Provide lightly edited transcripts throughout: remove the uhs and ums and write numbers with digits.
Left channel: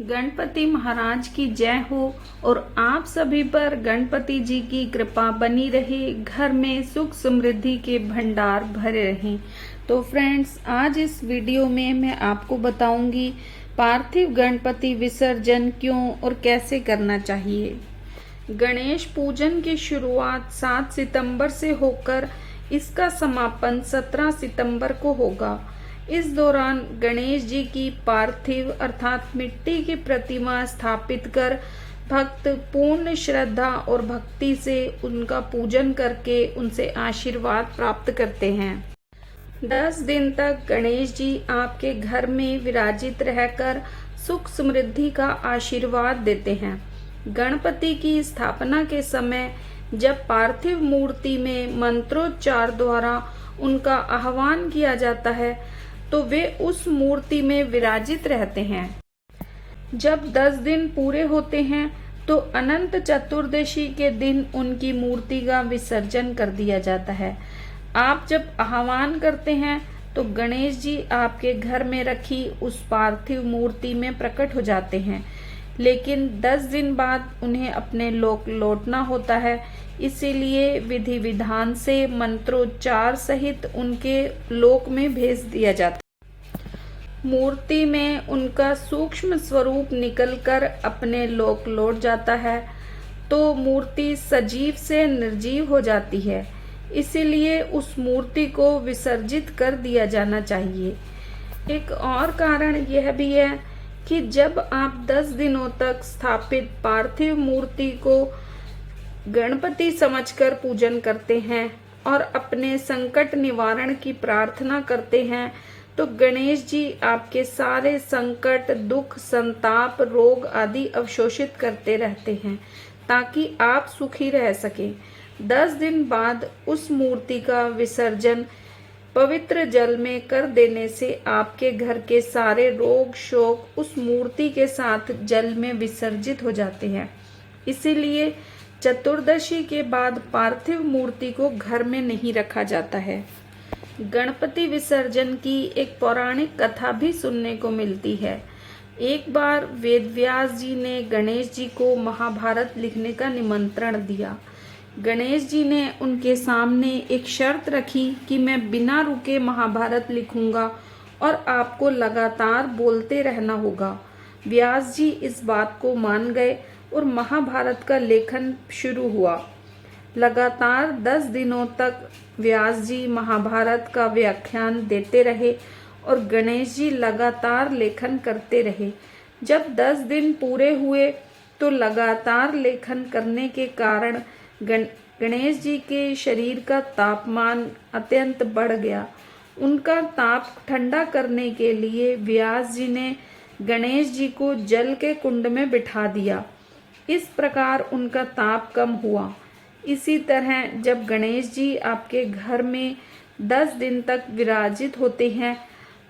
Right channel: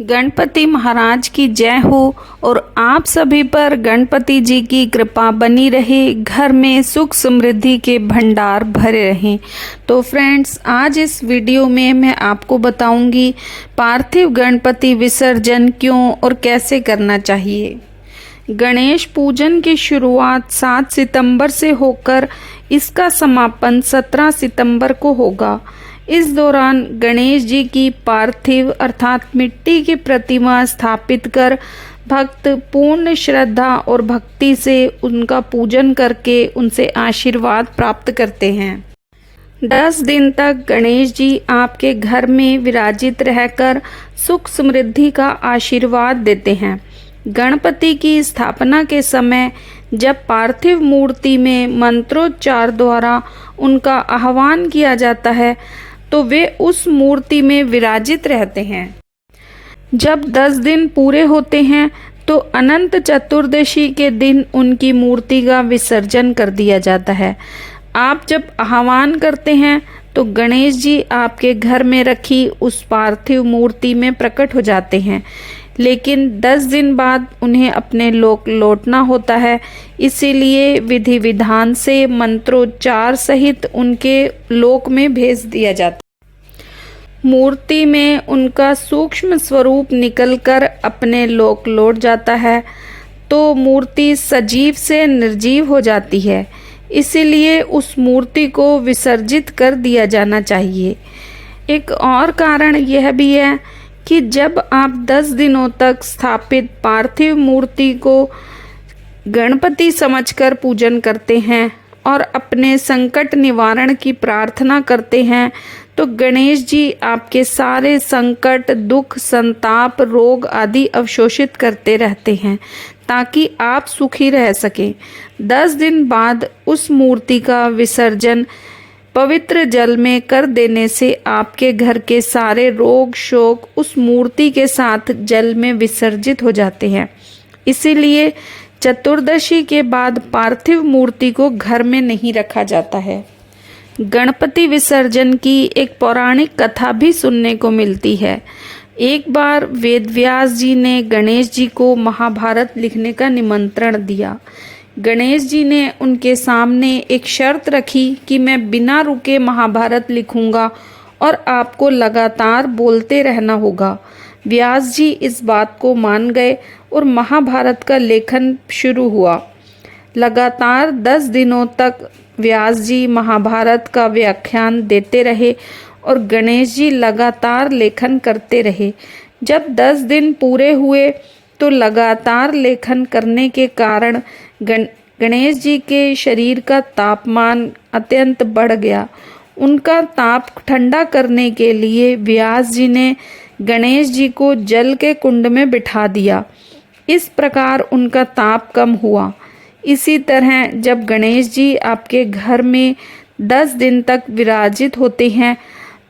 गणपति महाराज की जय हो और आप सभी पर गणपति जी की कृपा बनी रहे, घर में सुख समृद्धि के भंडार भरे रहें। तो फ्रेंड्स, आज इस वीडियो में मैं आपको बताऊंगी पार्थिव गणपति विसर्जन क्यों और कैसे करना चाहिए। गणेश पूजन की शुरुआत 7 सितंबर से होकर इसका समापन 17 सितंबर को होगा। इस दौरान गणेश जी की पार्थिव अर्थात मिट्टी की प्रतिमा स्थापित कर भक्त पूर्ण श्रद्धा और भक्ति से उनका पूजन करके उनसे आशीर्वाद प्राप्त करते हैं। 10 दिन तक गणेश जी आपके घर में विराजित रहकर सुख समृद्धि का आशीर्वाद देते हैं। गणपति की स्थापना के समय जब पार्थिव मूर्ति में मंत्रोच्चार द्वारा उनका आह्वान किया जाता है तो वे उस मूर्ति में विराजित रहते हैं। जब 10 दिन पूरे होते हैं तो अनंत चतुर्दशी के दिन उनकी मूर्ति का विसर्जन कर दिया जाता है। आप जब आह्वान करते हैं तो गणेश जी आपके घर में रखी उस पार्थिव मूर्ति में प्रकट हो जाते हैं, लेकिन 10 दिन बाद उन्हें अपने लोक लौटना होता है। इसीलिए विधि विधान से मंत्रोच्चार सहित उनके लोक में भेज दिया जाता है। मूर्ति में उनका सूक्ष्म स्वरूप निकलकर अपने लोक लौट जाता है तो मूर्ति सजीव से निर्जीव हो जाती है। इसीलिए उस मूर्ति को विसर्जित कर दिया जाना चाहिए। एक और कारण यह भी है कि जब आप 10 दिनों तक स्थापित पार्थिव मूर्ति को गणपति समझकर पूजन करते हैं और अपने संकट निवारण की प्रार्थना करते हैं तो गणेश जी आपके सारे संकट, दुख, संताप, रोग आदि अवशोषित करते रहते हैं ताकि आप सुखी रह सकें। 10 दिन बाद उस मूर्ति का विसर्जन पवित्र जल में कर देने से आपके घर के सारे रोग शोक उस मूर्ति के साथ जल में विसर्जित हो जाते हैं। इसीलिए चतुर्दशी के बाद पार्थिव मूर्ति को घर में नहीं रखा जाता है। गणपति विसर्जन की एक पौराणिक कथा भी सुनने को मिलती है। एक बार वेदव्यास जी ने गणेश जी को महाभारत लिखने का निमंत्रण दिया। गणेश जी ने उनके सामने एक शर्त रखी कि मैं बिना रुके महाभारत लिखूंगा और आपको लगातार बोलते रहना होगा। व्यास जी इस बात को मान गए और महाभारत का लेखन शुरू हुआ। लगातार 10 दिनों तक व्यास जी महाभारत का व्याख्यान देते रहे और गणेश जी लगातार लेखन करते रहे। जब 10 दिन पूरे हुए तो लगातार लेखन करने के कारण गणेश जी के शरीर का तापमान अत्यंत बढ़ गया। उनका ताप ठंडा करने के लिए व्यास जी ने गणेश जी को जल के कुंड में बिठा दिया। इस प्रकार उनका ताप कम हुआ। इसी तरह जब गणेश जी आपके घर में 10 दिन तक विराजित होते हैं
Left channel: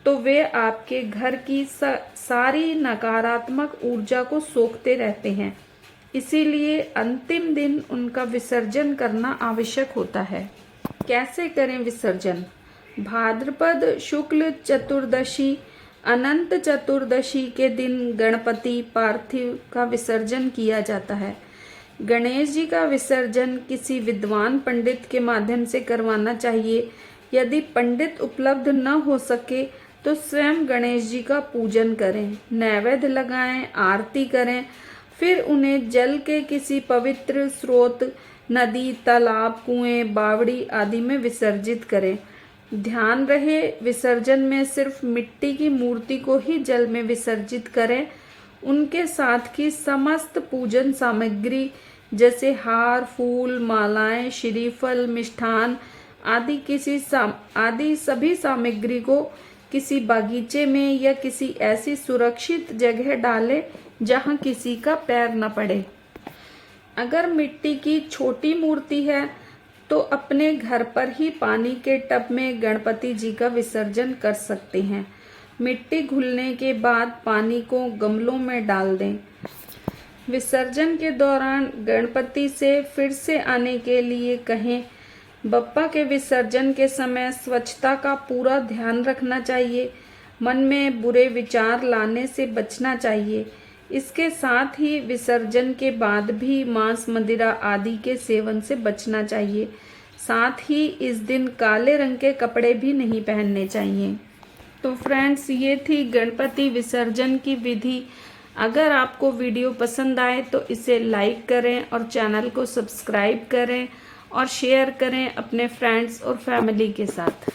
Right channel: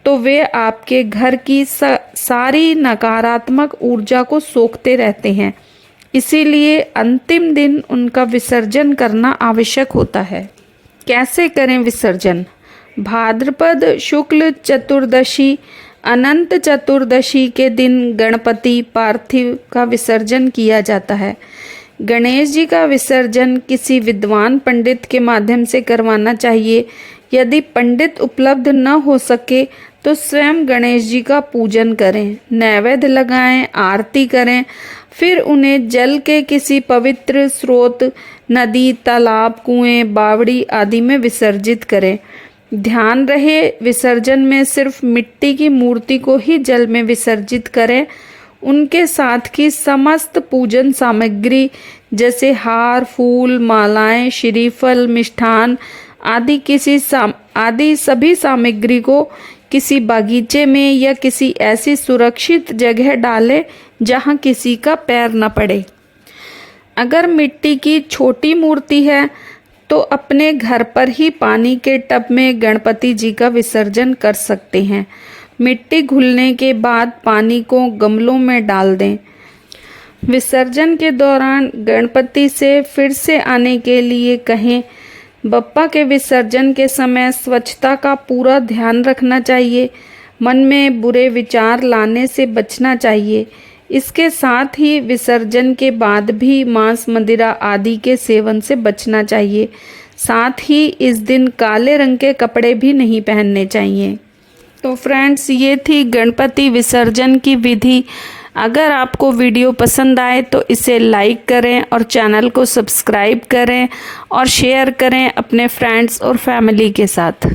तो वे आपके घर की सारी नकारात्मक ऊर्जा को सोखते रहते हैं। इसीलिए अंतिम दिन उनका विसर्जन करना आवश्यक होता है। कैसे करें विसर्जन? भाद्रपद शुक्ल चतुर्दशी अनंत चतुर्दशी के दिन गणपति पार्थिव का विसर्जन किया जाता है। गणेश जी का विसर्जन किसी विद्वान पंडित के माध्यम से करवाना चाहिए। यदि पंडित उपलब्ध न हो सके तो स्वयं गणेश जी का पूजन करें, नैवेद्य लगाएं, आरती करें, फिर उन्हें जल के किसी पवित्र स्रोत, नदी, तालाब, कुएं, बावड़ी आदि में विसर्जित करें। ध्यान रहे विसर्जन में सिर्फ मिट्टी की मूर्ति को ही जल में विसर्जित करें। उनके साथ की समस्त पूजन सामग्री जैसे हार, फूल, मालाएं, श्रीफल, मिष्ठान आदि सभी सामग्री को किसी बागीचे में या किसी ऐसी सुरक्षित जगह डालें जहां किसी का पैर न पड़े। अगर मिट्टी की छोटी मूर्ति है तो अपने घर पर ही पानी के टब में गणपति जी का विसर्जन कर सकते हैं। मिट्टी घुलने के बाद पानी को गमलों में डाल दें। विसर्जन के दौरान गणपति से फिर से आने के लिए कहें। बप्पा के विसर्जन के समय स्वच्छता का पूरा ध्यान रखना चाहिए। मन में बुरे विचार लाने से बचना चाहिए। इसके साथ ही विसर्जन के बाद भी मांस मदिरा आदि के सेवन से बचना चाहिए। साथ ही इस दिन काले रंग के कपड़े भी नहीं पहनने चाहिए। तो फ्रेंड्स, ये थी गणपति विसर्जन की विधि। अगर आपको वीडियो पसंद आए तो इसे लाइक करें और चैनल को सब्सक्राइब करें और शेयर करें अपने फ्रेंड्स और फैमिली के साथ।